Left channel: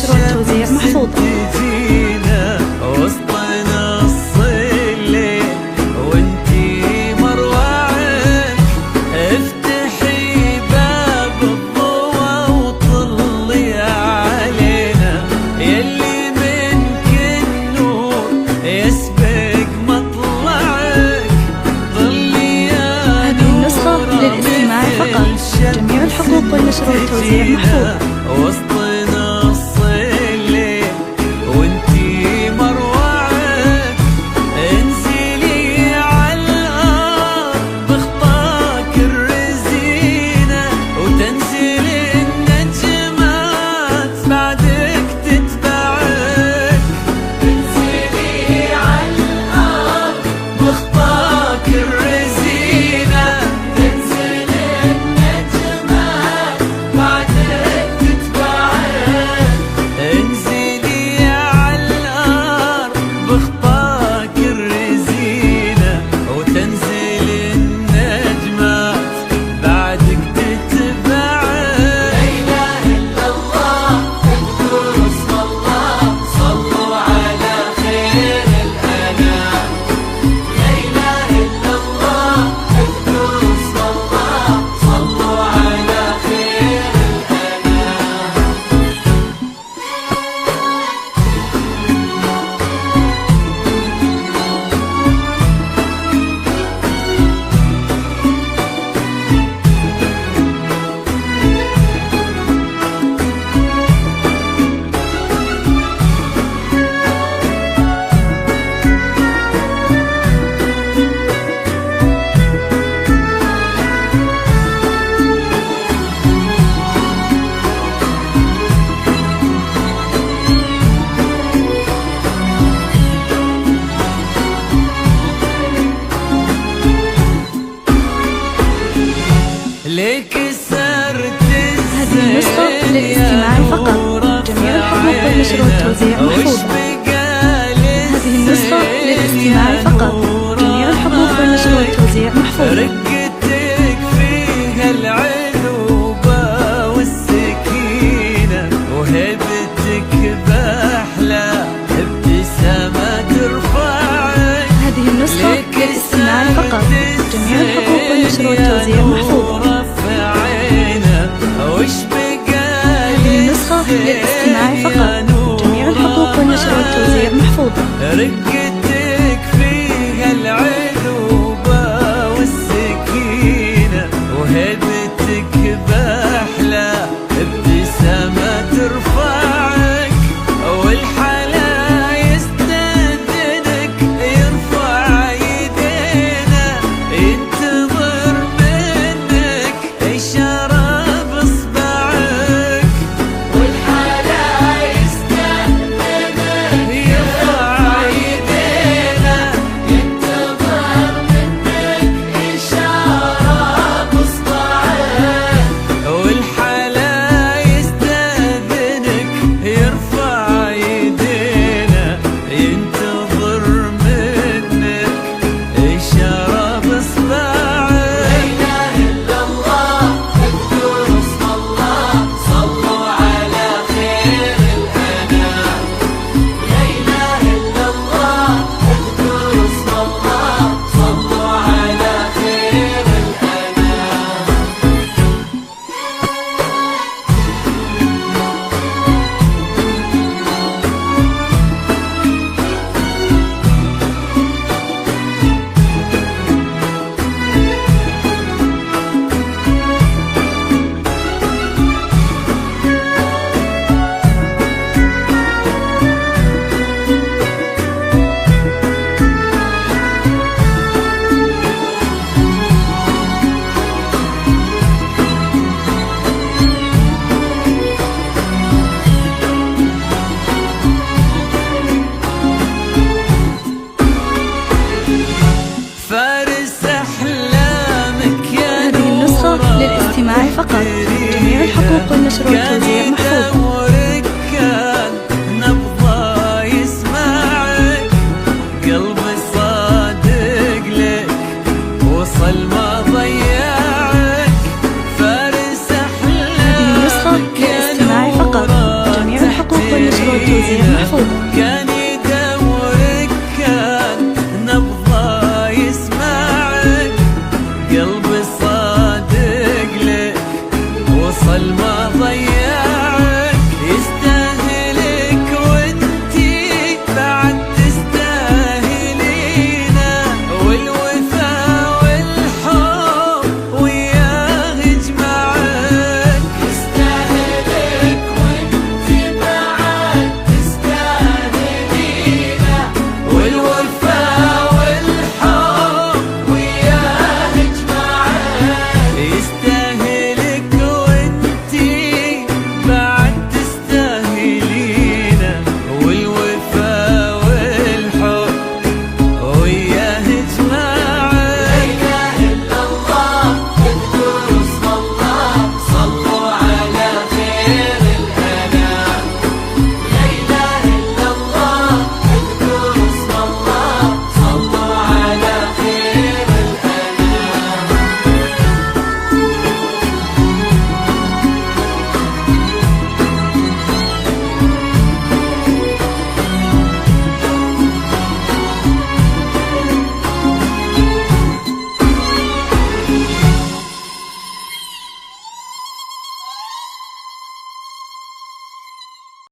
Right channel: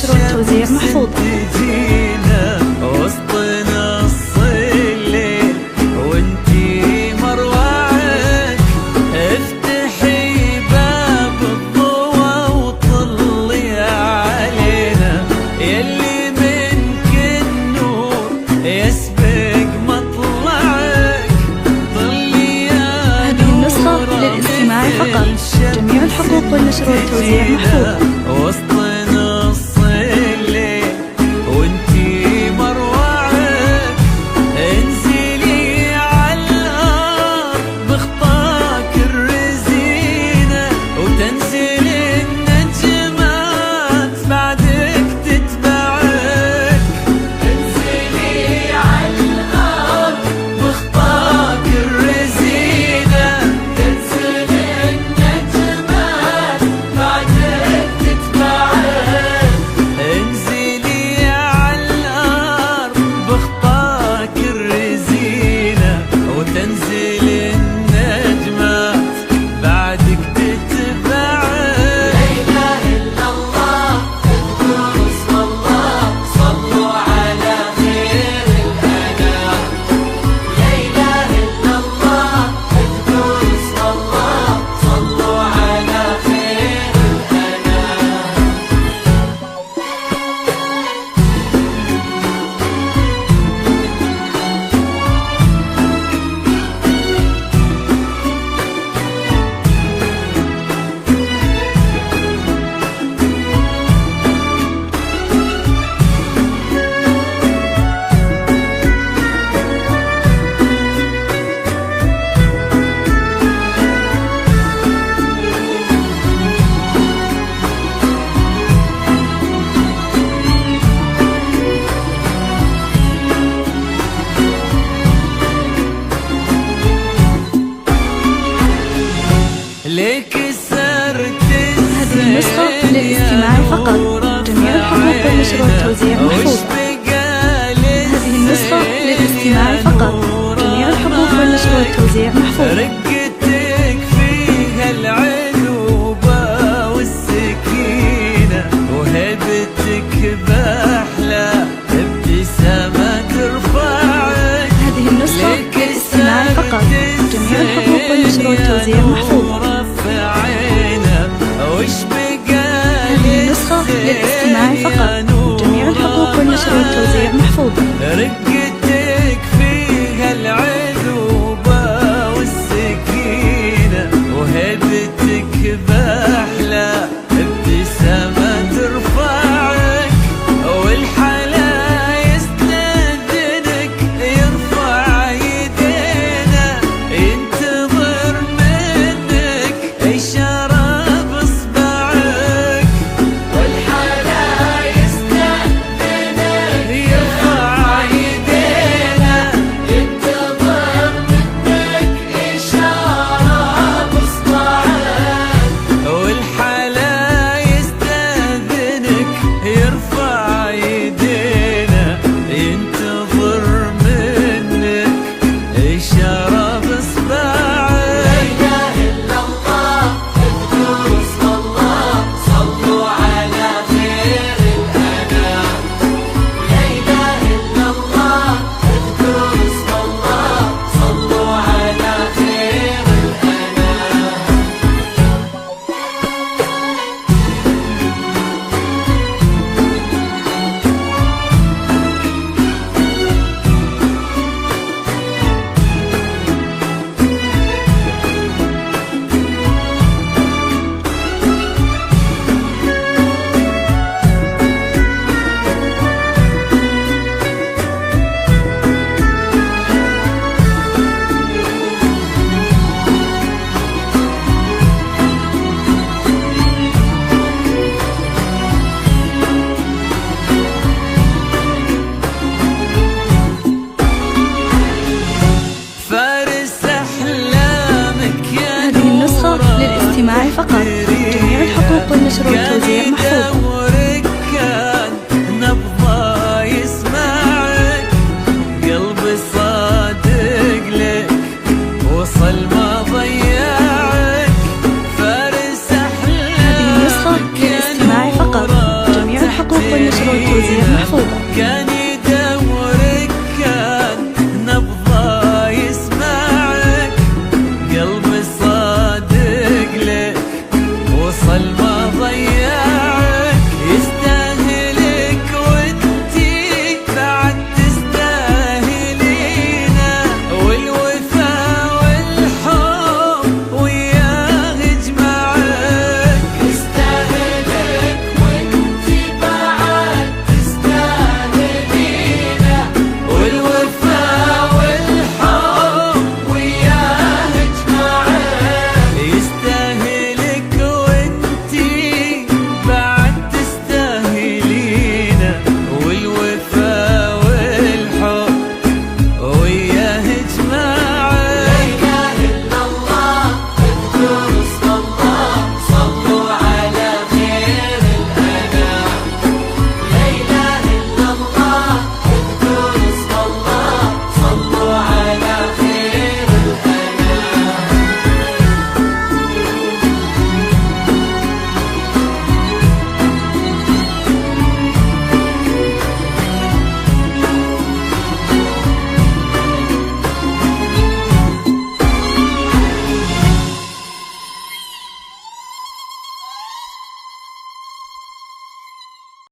والنشر والتوزيع محفوظ. تجينا وسط نص الليل وانتي مروعك، افتحي باب الضوى وطلي علينا، يلي منك النور يسبق مطلعك، طلي يا هذه النسخة للاستماع فقط، جميع الحقوق والنشر والتوزيع محفوظ. وسط نص الليل وانتي مروعك، انزلي على الارض بخطاك الرزينة، وتنزل النجمات بعدك تتبعك، انزلي على الارض بخطاك الرزينة، تنزل النجمات بعدك تتبعك، انزلي على الارض بخطاك الرزينة، وتنزل النجمات بعدك تتبعك. ليك سرت هذه النسخة للاستماع فقط، جميع الحقوق والنشر والتوزيع محفوظة. هذه النسخة للاستماع فقط، جميع الحقوق والنشر والتوزيع محفوظة. رقتك فيها العذوبة والسكينة، وهبتك بأحلى ابتسامة ترفعك. هذه النسخة للاستماع فقط، جميع الحقوق والنشر والتوزيع محفوظة. هذه النسخة للاستماع فقط، جميع الحقوق والنشر والتوزيع محفوظة. رقتك فيها العذوبة والسكينة، وهبتك بأحلى ابتسامة ترفعك، والحلا يستأذنك يرفع يدينا، ينتظر منك إشارة بإصبعك، والحلا يستأذنك يرفع يدينا، ينتظر منك إشارة بإصبعك، والحلا يستأذنك يرفع يدينا، ينتظر منك إشارة بإصبعك. للاستماع فقط، جميع الحقوق والنشر والتوزيع محفوظة. كان نبضه يسمعك، قلبي صادق لك وصل ما ضيعك، فارس أحلامك. هذه النسخة للاستماع فقط، جميع الحقوق النشر والتوزيع محفوظة. كان يدورك كان نبضه يسمعك، قلبي صادق لك وصل ما ضيعك.